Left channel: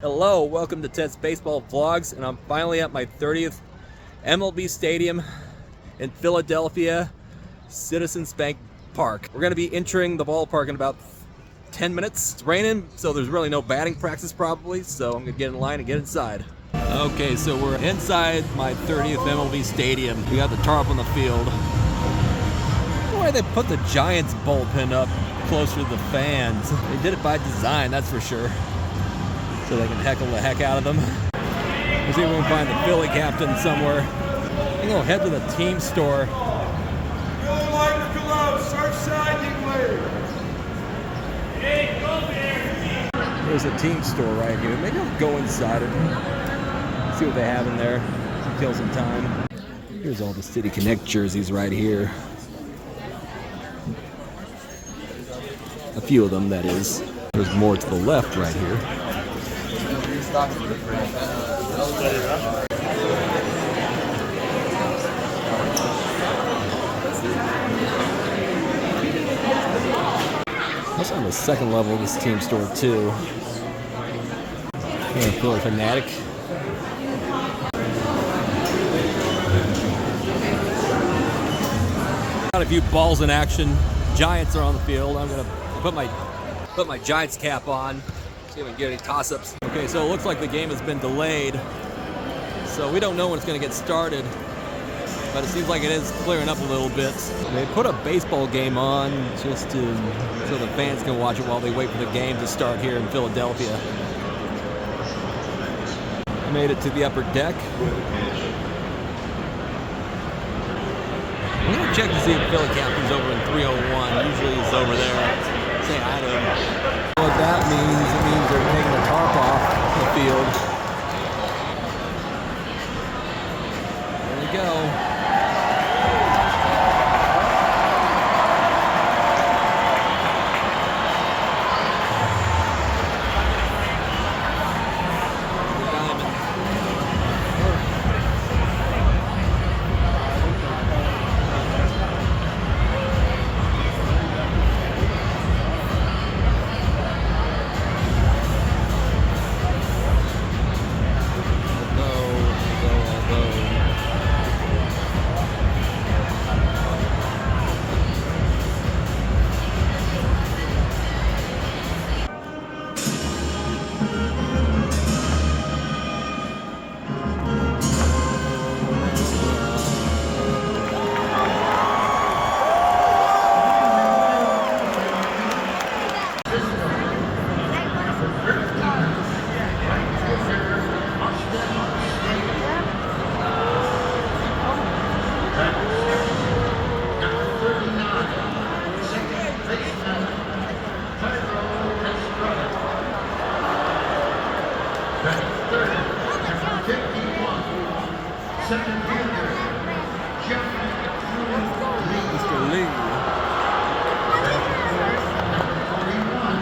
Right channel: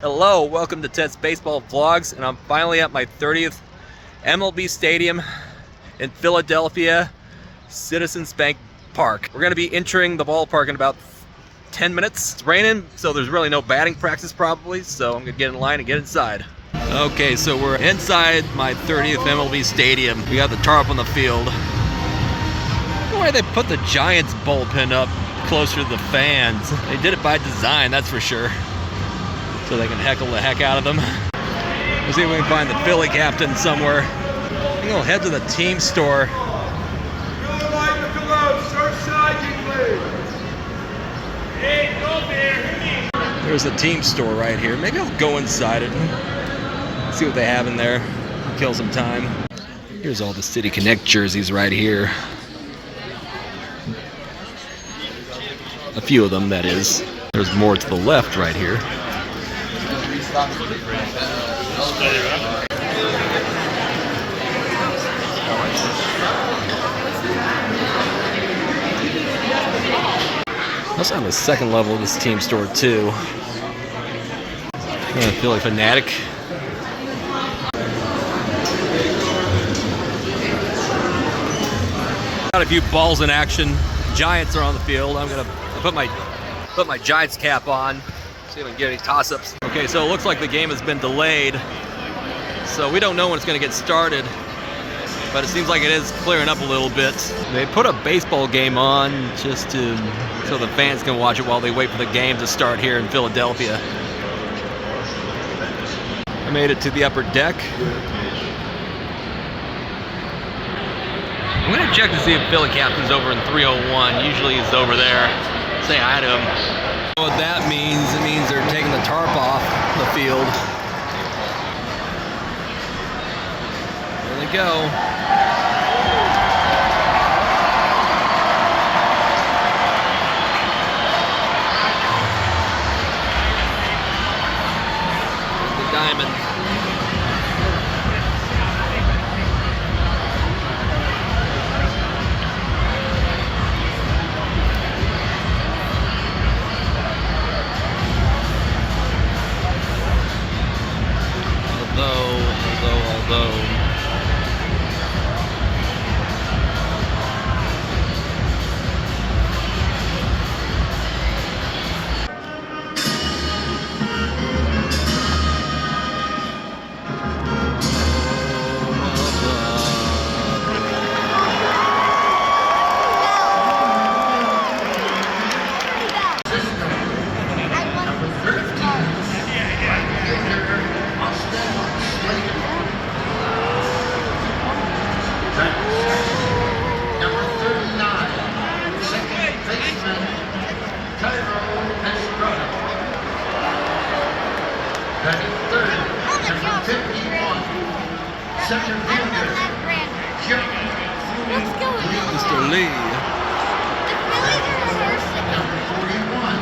Hello, welcome to Ted's Baseball Vlogs, and I'm finally at my 30th MLB Stadium in Philadelphia, Citizens Bank Park. We're going to be entering the ballpark in about 10 minutes. It's raining, so there's really no batting practice probably, so I'm going to get in line and get inside. Okay, so we're inside my 30th MLB Stadium. We got the tarp on the field. I don't know why they put the Giants bullpen up closer to the fans. They did it by design, that's for sure, so they can heckle the heck out of them. Let's see if we can find the Philly captain somewhere. I'm gonna head to the team store. There's a team store right here. Maybe I'll go inside it, see what they have in there, kill some time. Here's all the City Connect jerseys right here. A few of them, that is. There's more to the left right here. Also on the second level of this team store too. Philly fanatic. Got a few balls in action. Giants are on the field. I'm gonna put my Giants cap on. See if I can get any toss-ups. Okay, so it looks like the game has been delayed, so we don't know when it's going to get started, but it seems like it is clearing up a little bit. They put a baseball game on just so the fans can watch it while they wait for the game to start here in Philadelphia. I made it to the upper deck. I'm going to check to see if Philly captain's over in 301. Usually he's over there. Say hi to him. What that means, it means they're taking the tarp off the field. There they go. The diamond. Although Center fielder, Mr. Lee. Number 41,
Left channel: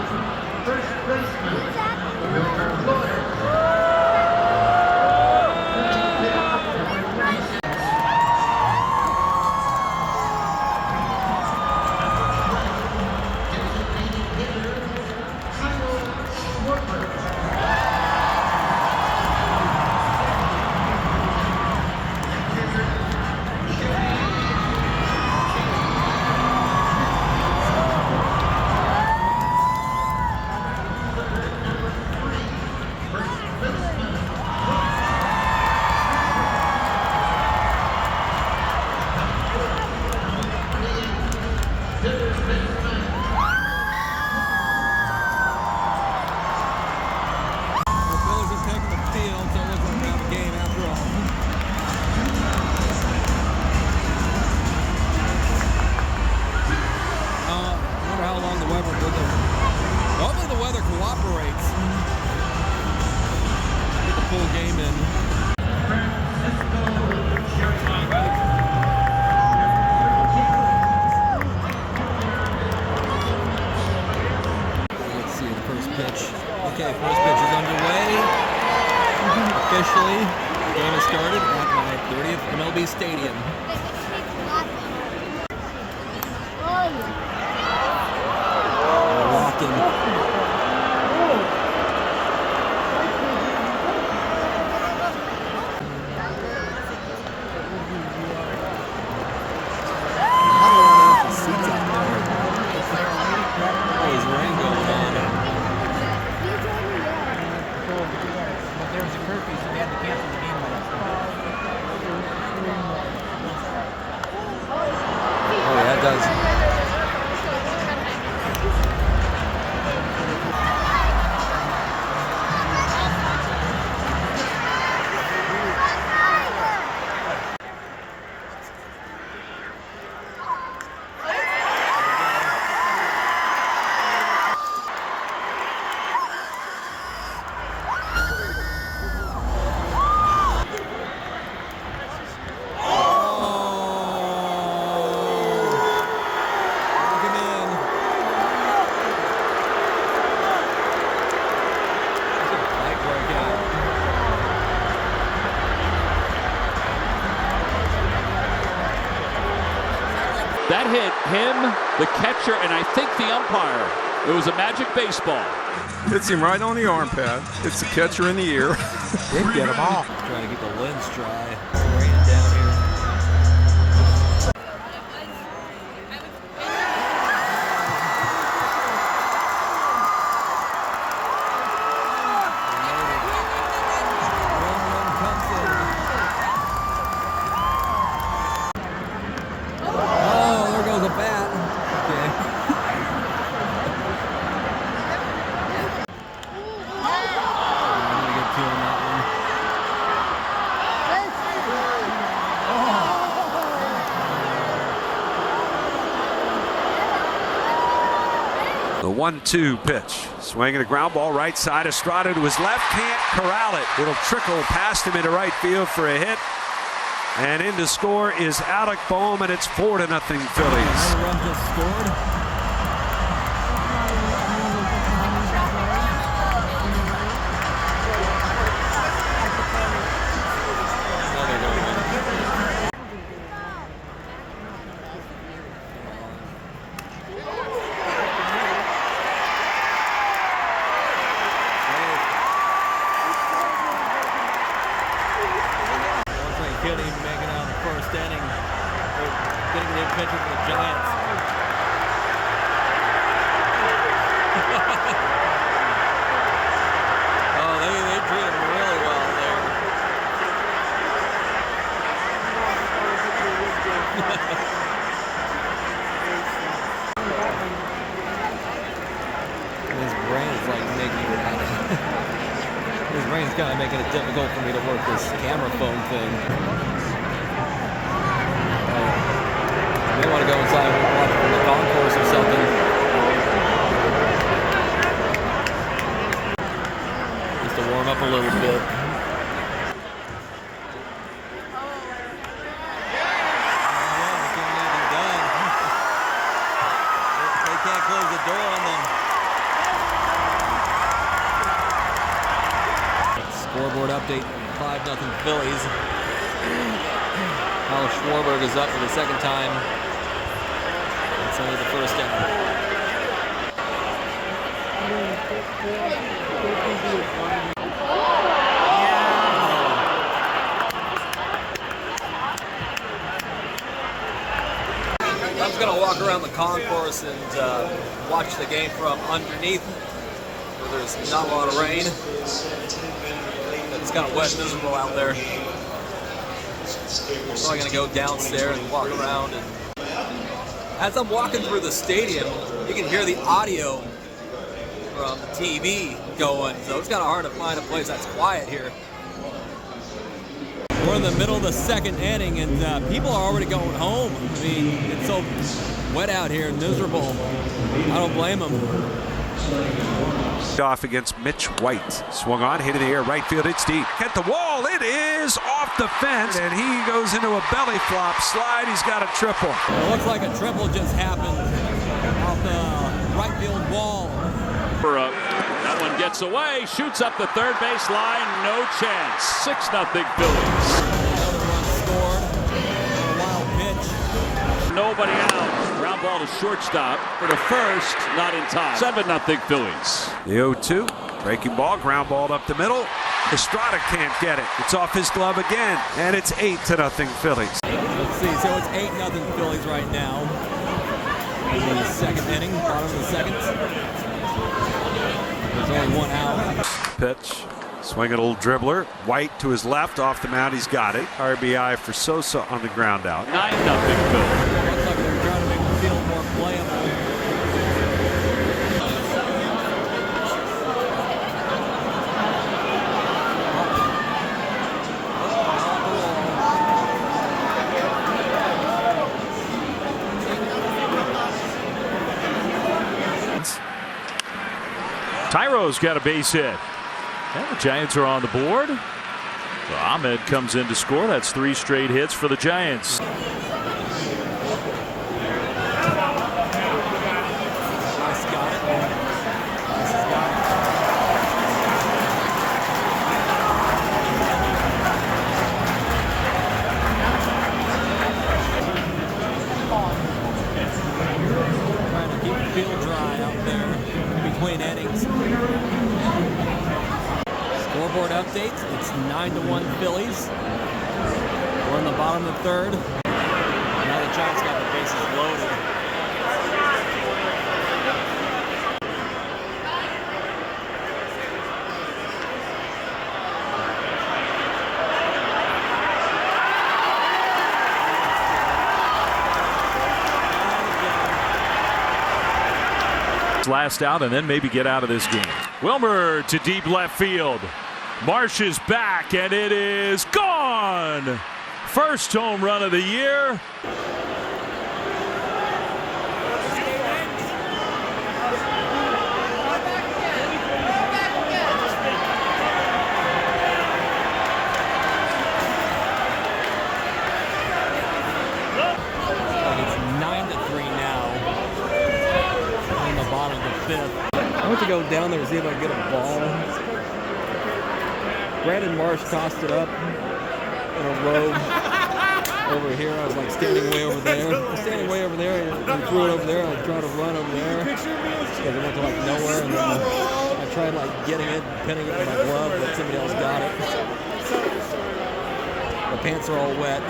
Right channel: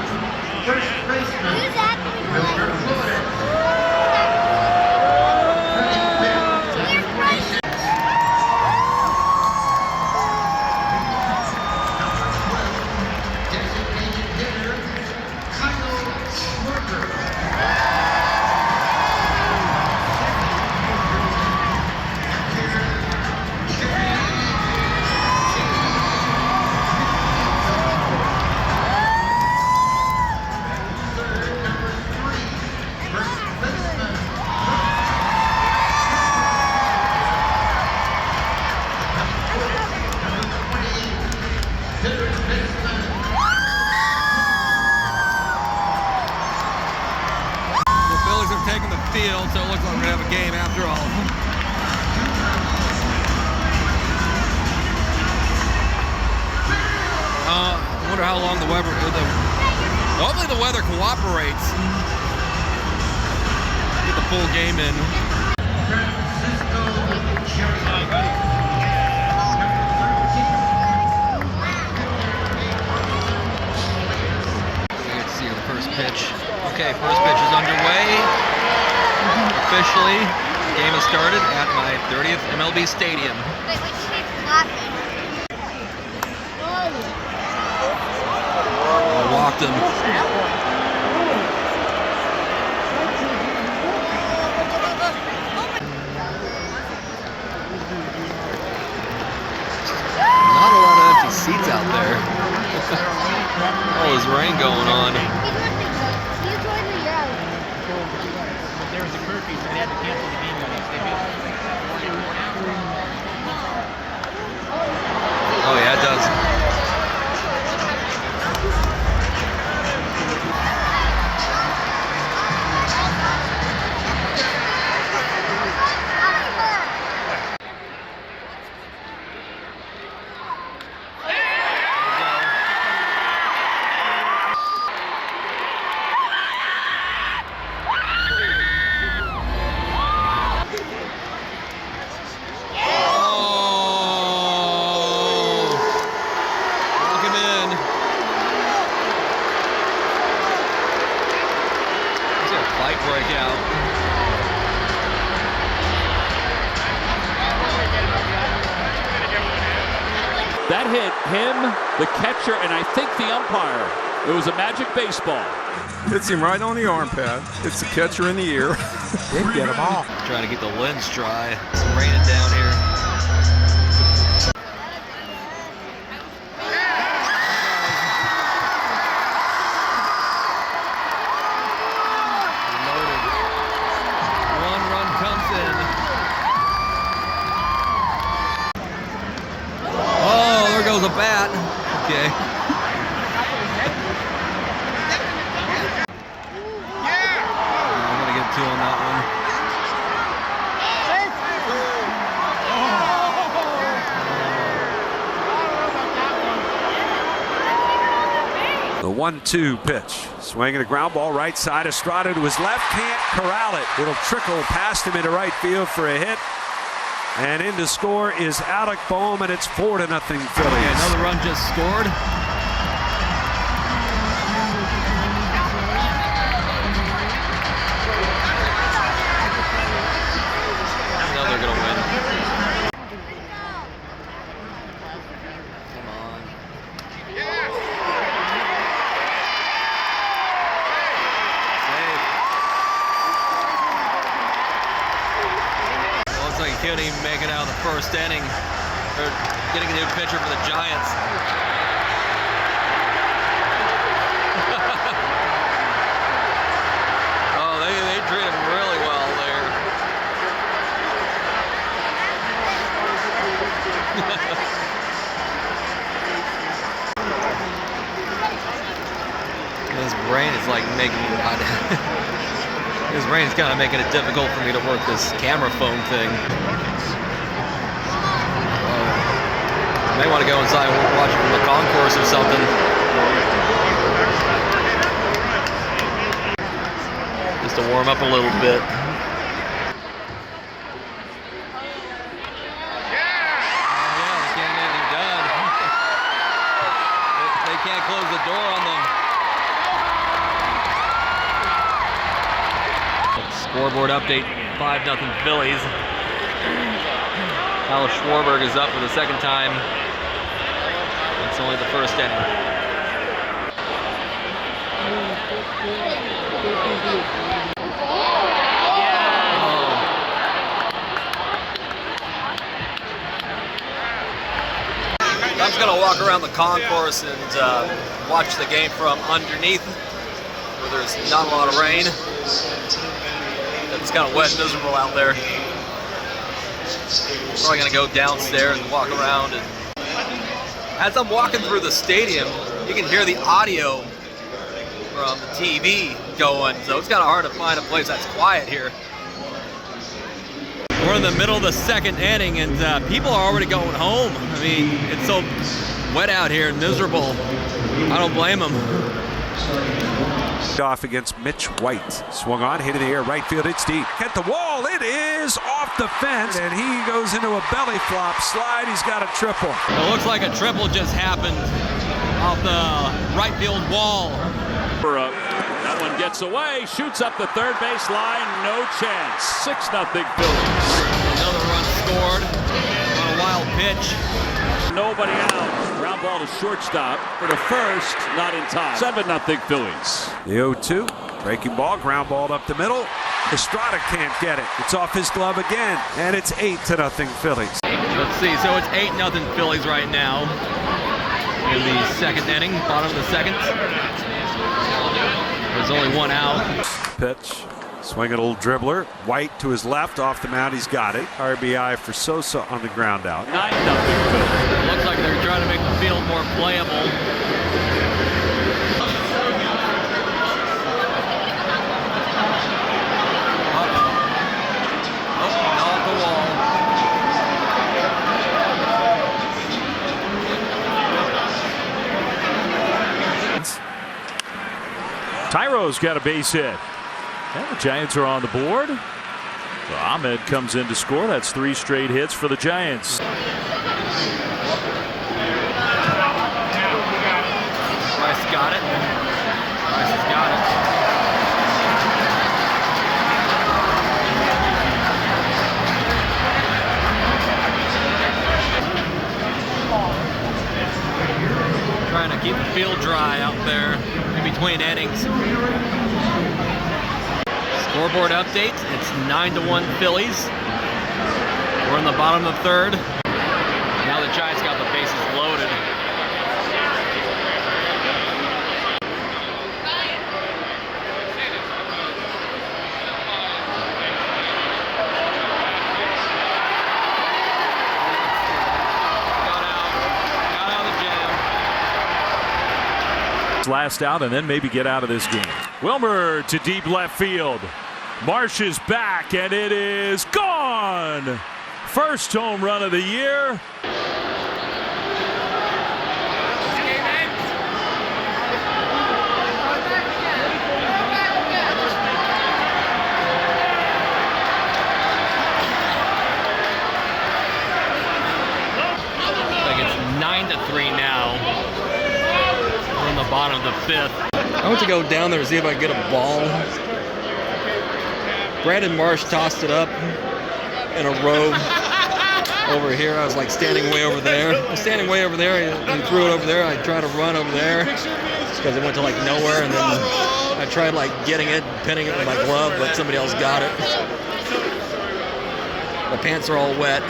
first baseman, Wilbur Floyd. Taking the field, so it looks like we're gonna have a game after all. I wonder how long the weather. Hopefully the weather cooperates. Get the full game in. Let's see the first pitch. Okay, first pitch is underway. Officially, the game has started at my 30th MLB Stadium. Wait, which keeps laughing? I walked him. rain going on. There was a curfew, so they had to cancel the game. Oh yeah, it does. Breakout. That hit him, the catcher, and I think the umpire. It was a magic baseball. Hits him right on the arm pad. Hits the catcher in the ear. Didn't get him off. Trying to get the lens dry. It's raining down here. A bat. Okay. I'm gonna get two on that one. The 1-2 pitch. Swinging a ground ball right side. Estrada to his left. Can't corral it. It'll trickle past him into right field for a hit. And in to score is Alec Bohm, and it's 4-0 Phillies. Another run just scored. Now they're gonna win. Come on. Safe. Looks like he couldn't even make it out of the first inning. They're getting a new pitcher for the Giants. Oh, they treat him really well there. His brain is like making me his brain's kind of making it difficult for me to work this camera phone thing. I may want to go inside and watch it from the concourse or something. Just to warm up a little bit. Yeah, they can't get anything done. They can't close the door on them. Scoreboard update, 5-0 Phillies. Alex Schwarber is up for the second time. It's only the first inning. I'm just gonna walk around the concourse and watch the game from underneath, where there's not a lot of rain. It's kind of wet and miserable out there. Probably gonna go downstairs and walk around, and as I'm walking through the stadium, you can hear the audio from the TV going, so it's kind of hard to find a place that's quiet here. We're in the middle of the second inning, and people are already going home. I mean, it's so wet out here and miserable. I don't blame them. Off against Mitch White. Swung on, hit in the air, right field, it's deep. Hit the wall, it is off the fence, and he goes into a belly flop slide. He's got a triple. It looks like a triple just happened off the right field wall. That one gets away, shoots up the third base line, no chance. 6-0 Phillies. Another run scored on a wild pitch. Nobody out. Ground ball to shortstop for the first, not in time. 7-0 Phillies. The 0-2, breaking ball, ground ball up the middle. Estrada can't get it. It's off his glove again, and it's 8-0 Phillies. Let's see, so it's 8-0 Phillies right now in the second inning, bottom of the second. There's only one out. Pitch. Swinging a little dribbler. White to his left off the mound. He's got it. RBI for Sosa on the ground out. 9-0 Phillies. Looks like they're trying to make the field more playable. Tyro's got a base hit. And the Giants are on the board. So Ahmed comes in to score. That's 3 straight hits for the Giants. Rice got it. Rice has got it. Trying to keep the field dry out there in between innings. Scoreboard update. It's 9-1 Phillies. We're in the bottom of the third. Now the Giants got the bases loaded. Last out and then maybe get out of this game. Wilmer to deep left field. Marsh is back and it is gone. First home run of the year. Like it's 9-3 now. We're in the bottom of the fifth. I went to go down there to see if I could get a ball. Brandon Marsh tossed it up in a row over here. I was like standing way over there. I was standing way over there. He threw it over there. I tried to run over there because it went to like nowhere, and then I tried like getting it, pinning it with my glove, but somebody else got it. My pants are all wet.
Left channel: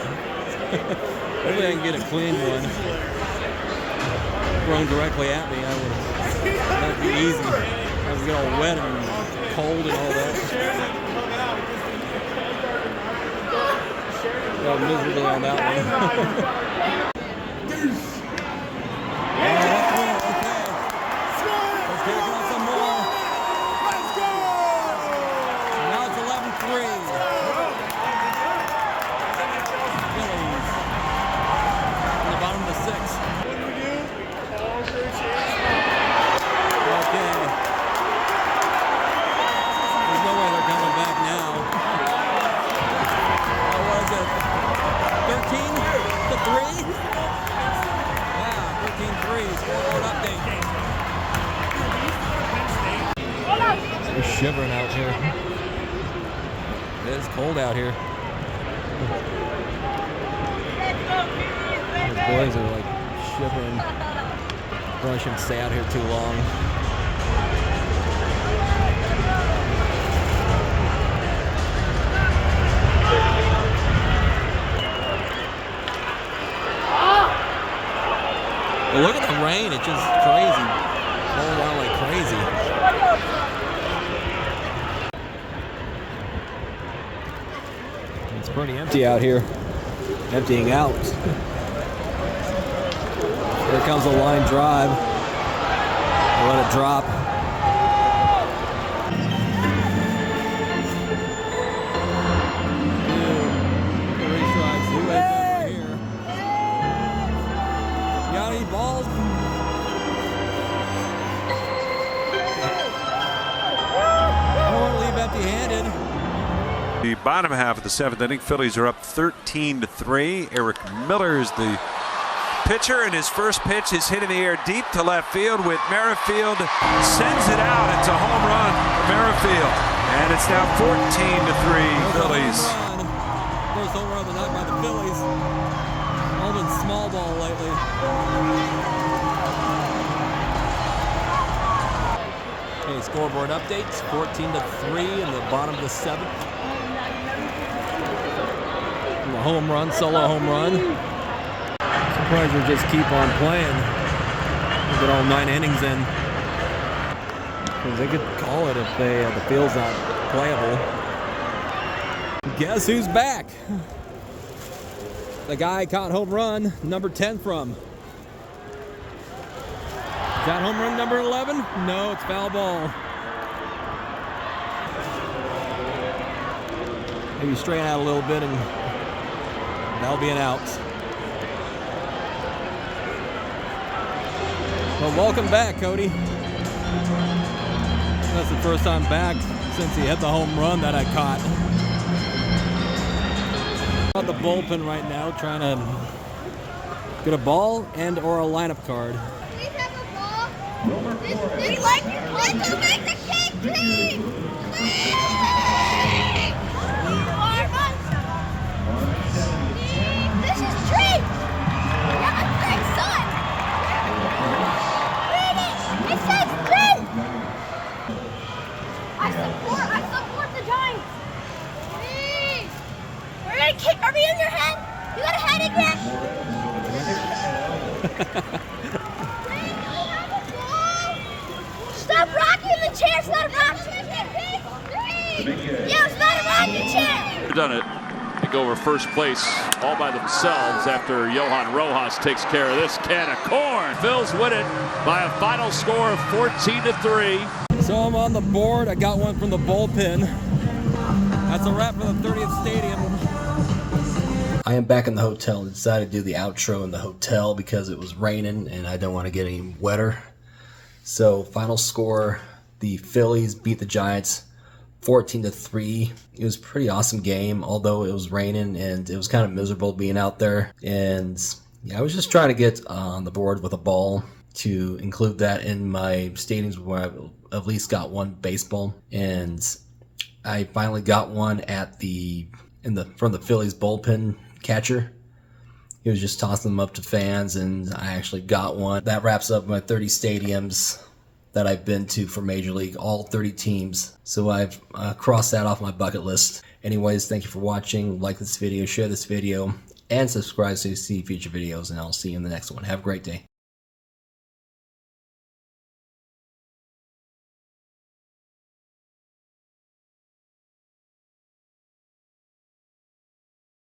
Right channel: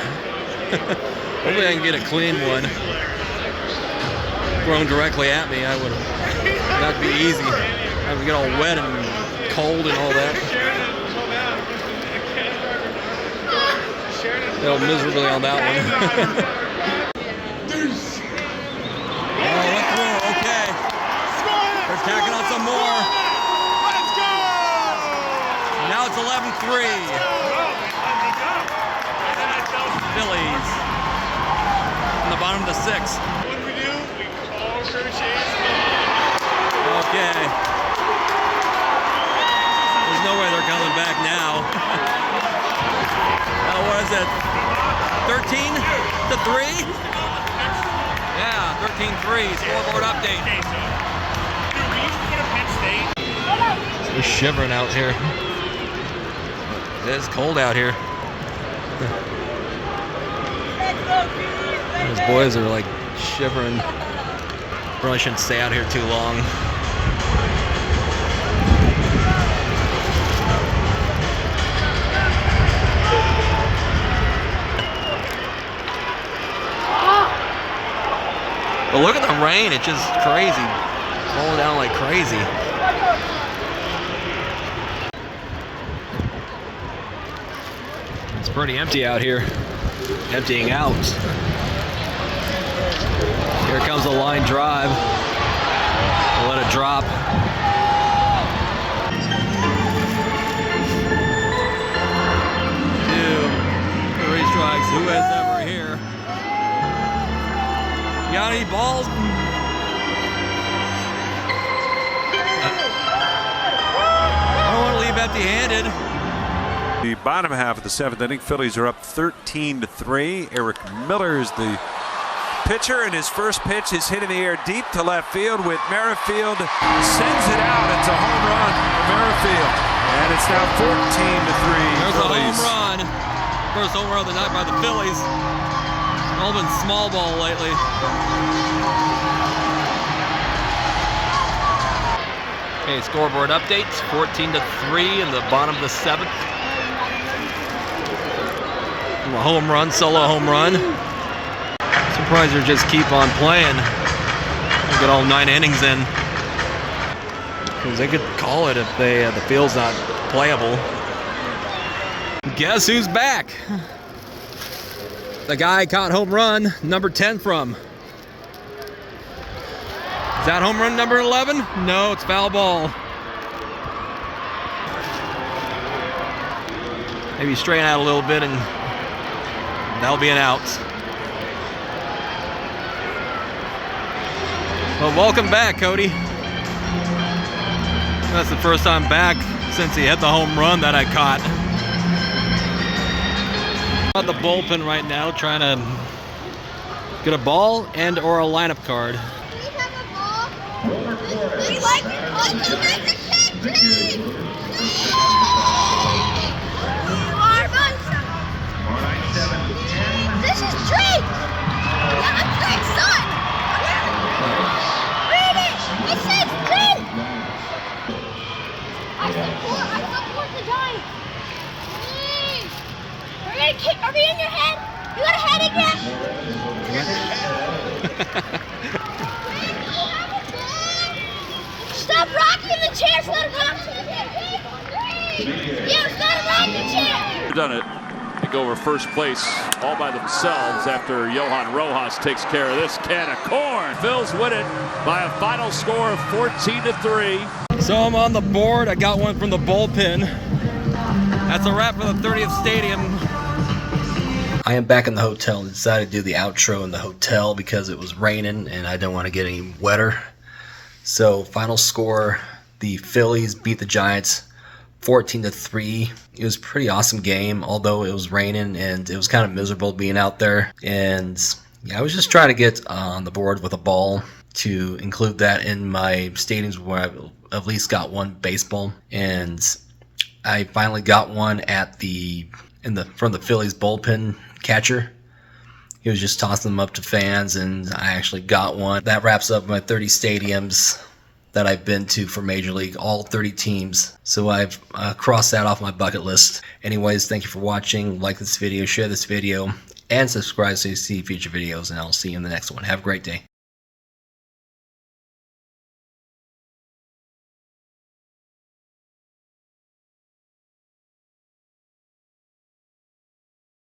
Hopefully I can get a clean one. Thrown directly at me, that'd be easy. I would get all wet and cold and all that. Failed miserably on that one. Oh, went through. Okay. They're tacking on some more. Let's go! Now it's 11-3. Phillies in the bottom of the sixth. Okay. There's no way they're coming back now. What is it? 13-3? Yeah, 13-3. Scoreboard update. It's shivering out here. It is cold out here. Those boys are like shivering. Probably shouldn't stay out here too long. But look at the rain, it's just crazy. Falling down like crazy. It's pretty empty out here. Emptying out. Here comes a line drive. We'll let it drop. 2, 3 strikes. Who is ever here? Got any balls? I don't want to leave empty-handed. The bottom half of the 7th inning, Phillies are up 13-3. Eric Miller is the pitcher, and his first pitch is hit in the air deep to left field with Merrifield. Sends it out. It's a home run for Merrifield. And it's now 14-3 Phillies. A home run. First home run of the night by the Phillies. All been small ball lately. Okay, scoreboard updates. 14-3 in the bottom of the 7th. A home run, solo home run. Surprised they just keep on playing. We'll get all 9 innings in. Because they could call it if the field's not playable. Guess who's back? The guy caught home run number 10 from. Is that home run number 11? No, it's foul ball. Maybe straighten out a little bit and that'll be an out. Well, welcome back, Cody. That's the first time back since he hit the home run that I caught. On the bullpen right now, trying to get a ball and or a lineup card. We have a ball. This like to make the kick, please. This is Drake. Yeah, I'm Drake's son. Read it. It says Drake. I support the Giants. Are we in your head? You got a head again? Stop rocking the chair. It's not a rocking chair. Yeah, it's not a rocking chair. They've done it. They go over first place all by themselves after Johan Rojas takes care of this can of corn. Phillies win it by a final score of 14-3. So I'm on the board. I got one from the bullpen. That's a wrap for the 30th Stadium. I am back in the hotel and decided to do the outro in the hotel because it was raining and I don't want to get any wetter. So final score, the Phillies beat the Giants 14-3. It was a pretty awesome game, although it was raining and it was kind of miserable being out there. And yeah, I was just trying to get on the board with a ball to include that in my stadiums where I've at least got one baseball. And I finally got one at from the Phillies bullpen catcher. He was just tossing them up to fans, and I actually got one. That wraps up my 30 stadiums that I've been to for Major League, all 30 teams. So I've crossed that off my bucket list. Anyways, thank you for watching. Like this video, share this video, and subscribe so you see future videos, and I'll see you in the next one. Have a great day.